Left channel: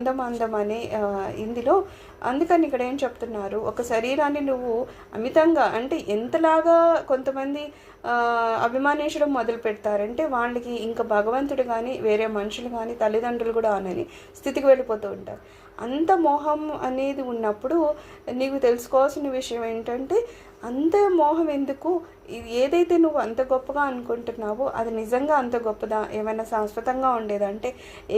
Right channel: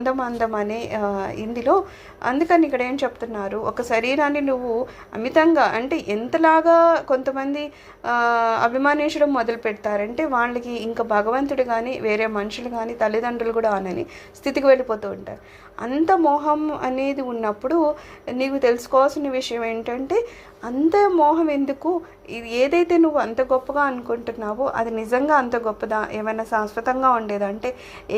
అందం అందం అనే ఇందులో అందుకని ఇక్కడ ఏం చెప్తున్నారు, ఒక శరీరాన్ని నువ్వు అమితంగా అంటే ఎంతలాగా కొంతమంది అభిమానించడం మొదలు పెడతారంటే వాళ్ళకి ఇంకా భగవంతుడు కానీ వేరే మనుషులు కానీ తల్లిదండ్రులు కూడా అనని స్థితికి వెళ్ళిపోతూ ఉంటారు. అంత మోహం అనేది ఉన్నప్పుడు నీవు తెలుసుకోవాల్సిన విషయం ఏంటంటే, అంత మోహం ఎందుకు? ఇది ఏదైతే నువ్వు అంత గొప్పగా అనుకుంటున్నావో అది నిజంగా అంత గొప్పదా? ఏమైనా శాశ్వతంగా ఉండేదంటే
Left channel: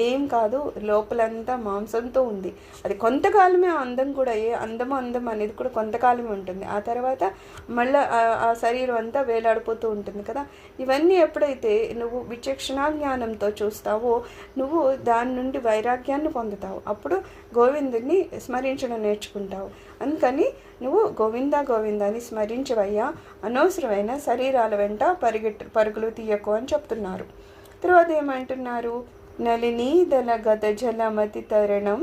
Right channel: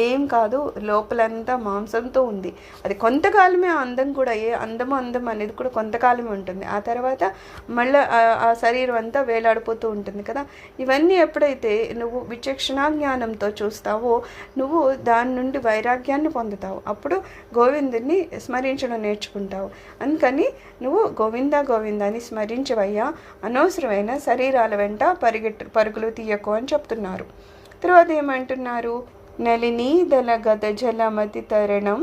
ఏం కాదు. లోపలంతా మాంసంతో ఉంది. అది కొంతకాలమే ఆ అందం కూడా, ఏ అందం అనేది కూడా కొంతకాలమే ఉంటుంది. ఆ తర్వాత మళ్ళీ ఆ శరీరం అంతా వేలాడిపోతూ ఉంటుంది కదా. ఇవన్నీ ఎప్పుడైతే నువ్వు విచక్షణా జ్ఞానంతో చూస్తావో నువ్వు దాని నుండి వైరాగ్యాన్ని పొందుతావు. అప్పుడు గోవిందుని స్మరించడం నేర్చుకుంటావు. అందుకని నువ్వు గోవింద గోవిందాన్ని స్మరించవయ్యా, అనవసరమైన శరీరాల వెంట పరుగులు తీయకు అని చెప్తున్నారు. తర్వాత ఏమంటున్నారు, నలినీదల గత జలమతి తరణం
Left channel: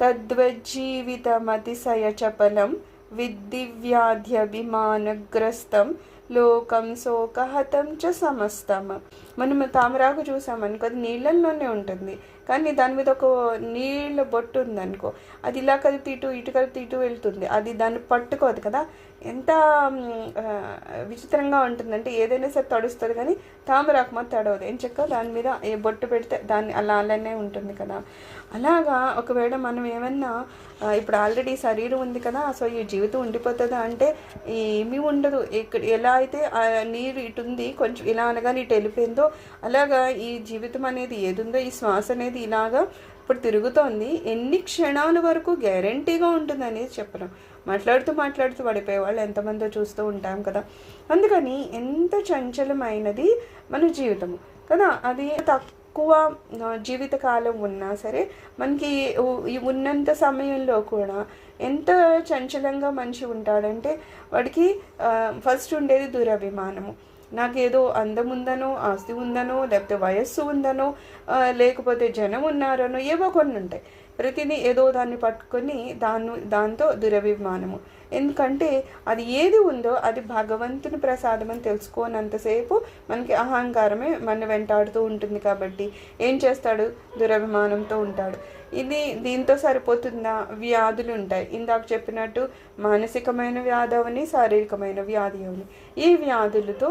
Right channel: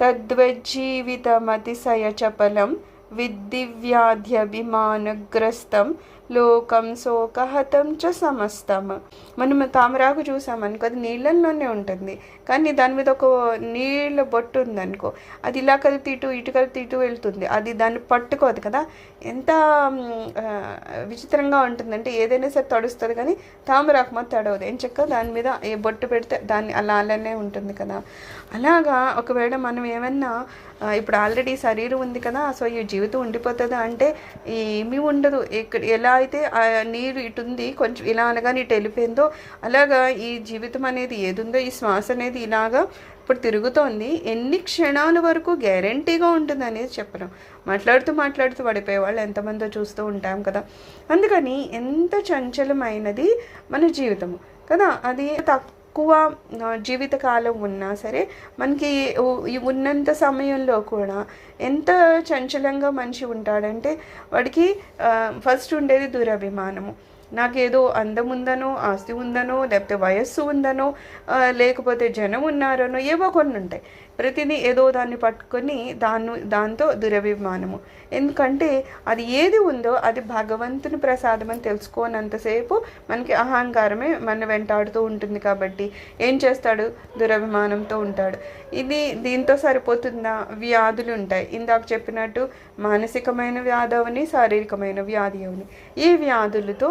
తద్వజ్జీవితమతిశయ చపలం విద్దివ్యాధ్యభిమానగ్రస్తం లోకం శోకహతం చ సమస్తం. మనం తామరాకు చూసామనుకో, అది నీళ్ళల్లోనే ఉంటుంది, కానీ దాని మీద ఒక నీళ్ళ బొట్టు ఉందనుకో, అది ఇలా కలిపి ఇటు కలిపి వెళ్తుంది. అది దాన్ని పట్టుకోదు కదా. ఎంత విచిత్రంగా ఉంటుందంటే, ఏదైనా సరే తడుస్తుంది కానీ తామరాకు మాత్రం తడవదు. ఏం చక్క దాని మీద ఏ బొట్టు పెడితే దాన్ని అలానే ఉంటుంది కదా. అలాగా ఒకవేళ మనం ఏమన్నా ఇప్పుడు ఆల్రెడీ శరీరం ఉంది కదా, సో ఈ జీవితం ఉండిపోతుందా అంటే ఏమీ ఉండదు. ఇక్కడ ఎలా అయితే ఆ నీరు ఇటు ఉంది, కొంచెం ఇలా అనగానే ఇటు వెళ్ళిపోయిందో, అలాగా ఈ జీవితం అనేది ఏదుందో, ఈ శ్వాస అనేది ఇలాగా ఇప్పుడు తిరుగుతోంది. ఎన్ని క్షణాల వరకు గ్యారంటీగా ఉంటుంది అనేది చెప్పడం. మాట్లాడుతూ పడిపోయే వాళ్ళు ఎంతమందో చూస్తూ ఉంటాం కదా. అందుకని ఎంత చంచలమైనది మన జీవితము కదా. అది తక్కువ జీవితకాలం ఉన్నా సరే మనకి ఉన్నంత సమయంలో కూడా ఎంత చంచలంగా మనిషి ఉంటాడంటే, వాడికి ఫస్ట్ ఉండేది దురభిమానము. నాకేదో అందం ఉందనో, ఆస్తి ఉందనో, లేకపోతే వయస్సు ఉందనో, లేకపోతే జనం ఉన్నారనో ఏవో కొన్ని ఉంటాయి. ప్రతిదీ ఏదో దాన్ని పట్టుకొని దాంతో దురభిమానము. ఎందుకంటే అది ఏది ఉందో అది భగవంతుని ప్రసాదం అని తెలుసుకోనంతసేపు మనకి అహంకారమే మన వెంటాడుతూ ఉంటుంది. కాబట్టి ఏం చేస్తాడు? దురభిమానంతో ఉంటాడు. దీంతో సరిపోతుందా? వ్యాధులు ఉంటాయి. ఇందాక చెప్పినట్టు మానసికమైన వ్యాధి అవని, శారీరకమైన వ్యాధి అవని, ఈ వ్యాధులతో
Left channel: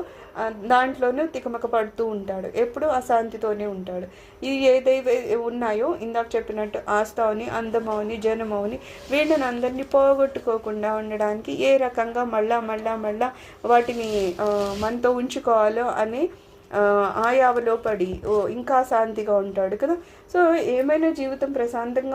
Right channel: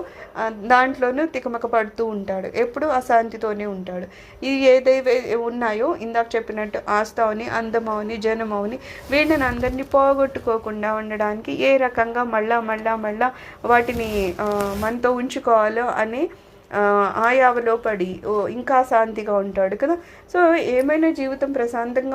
దాంట్లోనూ తికమక పడుతూ ఉంటాడు. ఎప్పుడు అశాంతితోనే ఉంటాడు. ఇవి ఏదైతే ఉన్నాయో ఇందాక చెప్పినట్టు ఆస్తవని, అందమవని, జనమవని, వీళ్ళని అందరినీ పోగొట్టుకోకుండా ఉండడానికి ఏ రకంగా మళ్ళా వాటిని మనతో ఉంచుకోవాలో అనే ఆయావలో పడి ఇంకా శాంతిగా ఉంటాడు కదా. సో ఏమైనా జీవితం ప్రశాంతంగా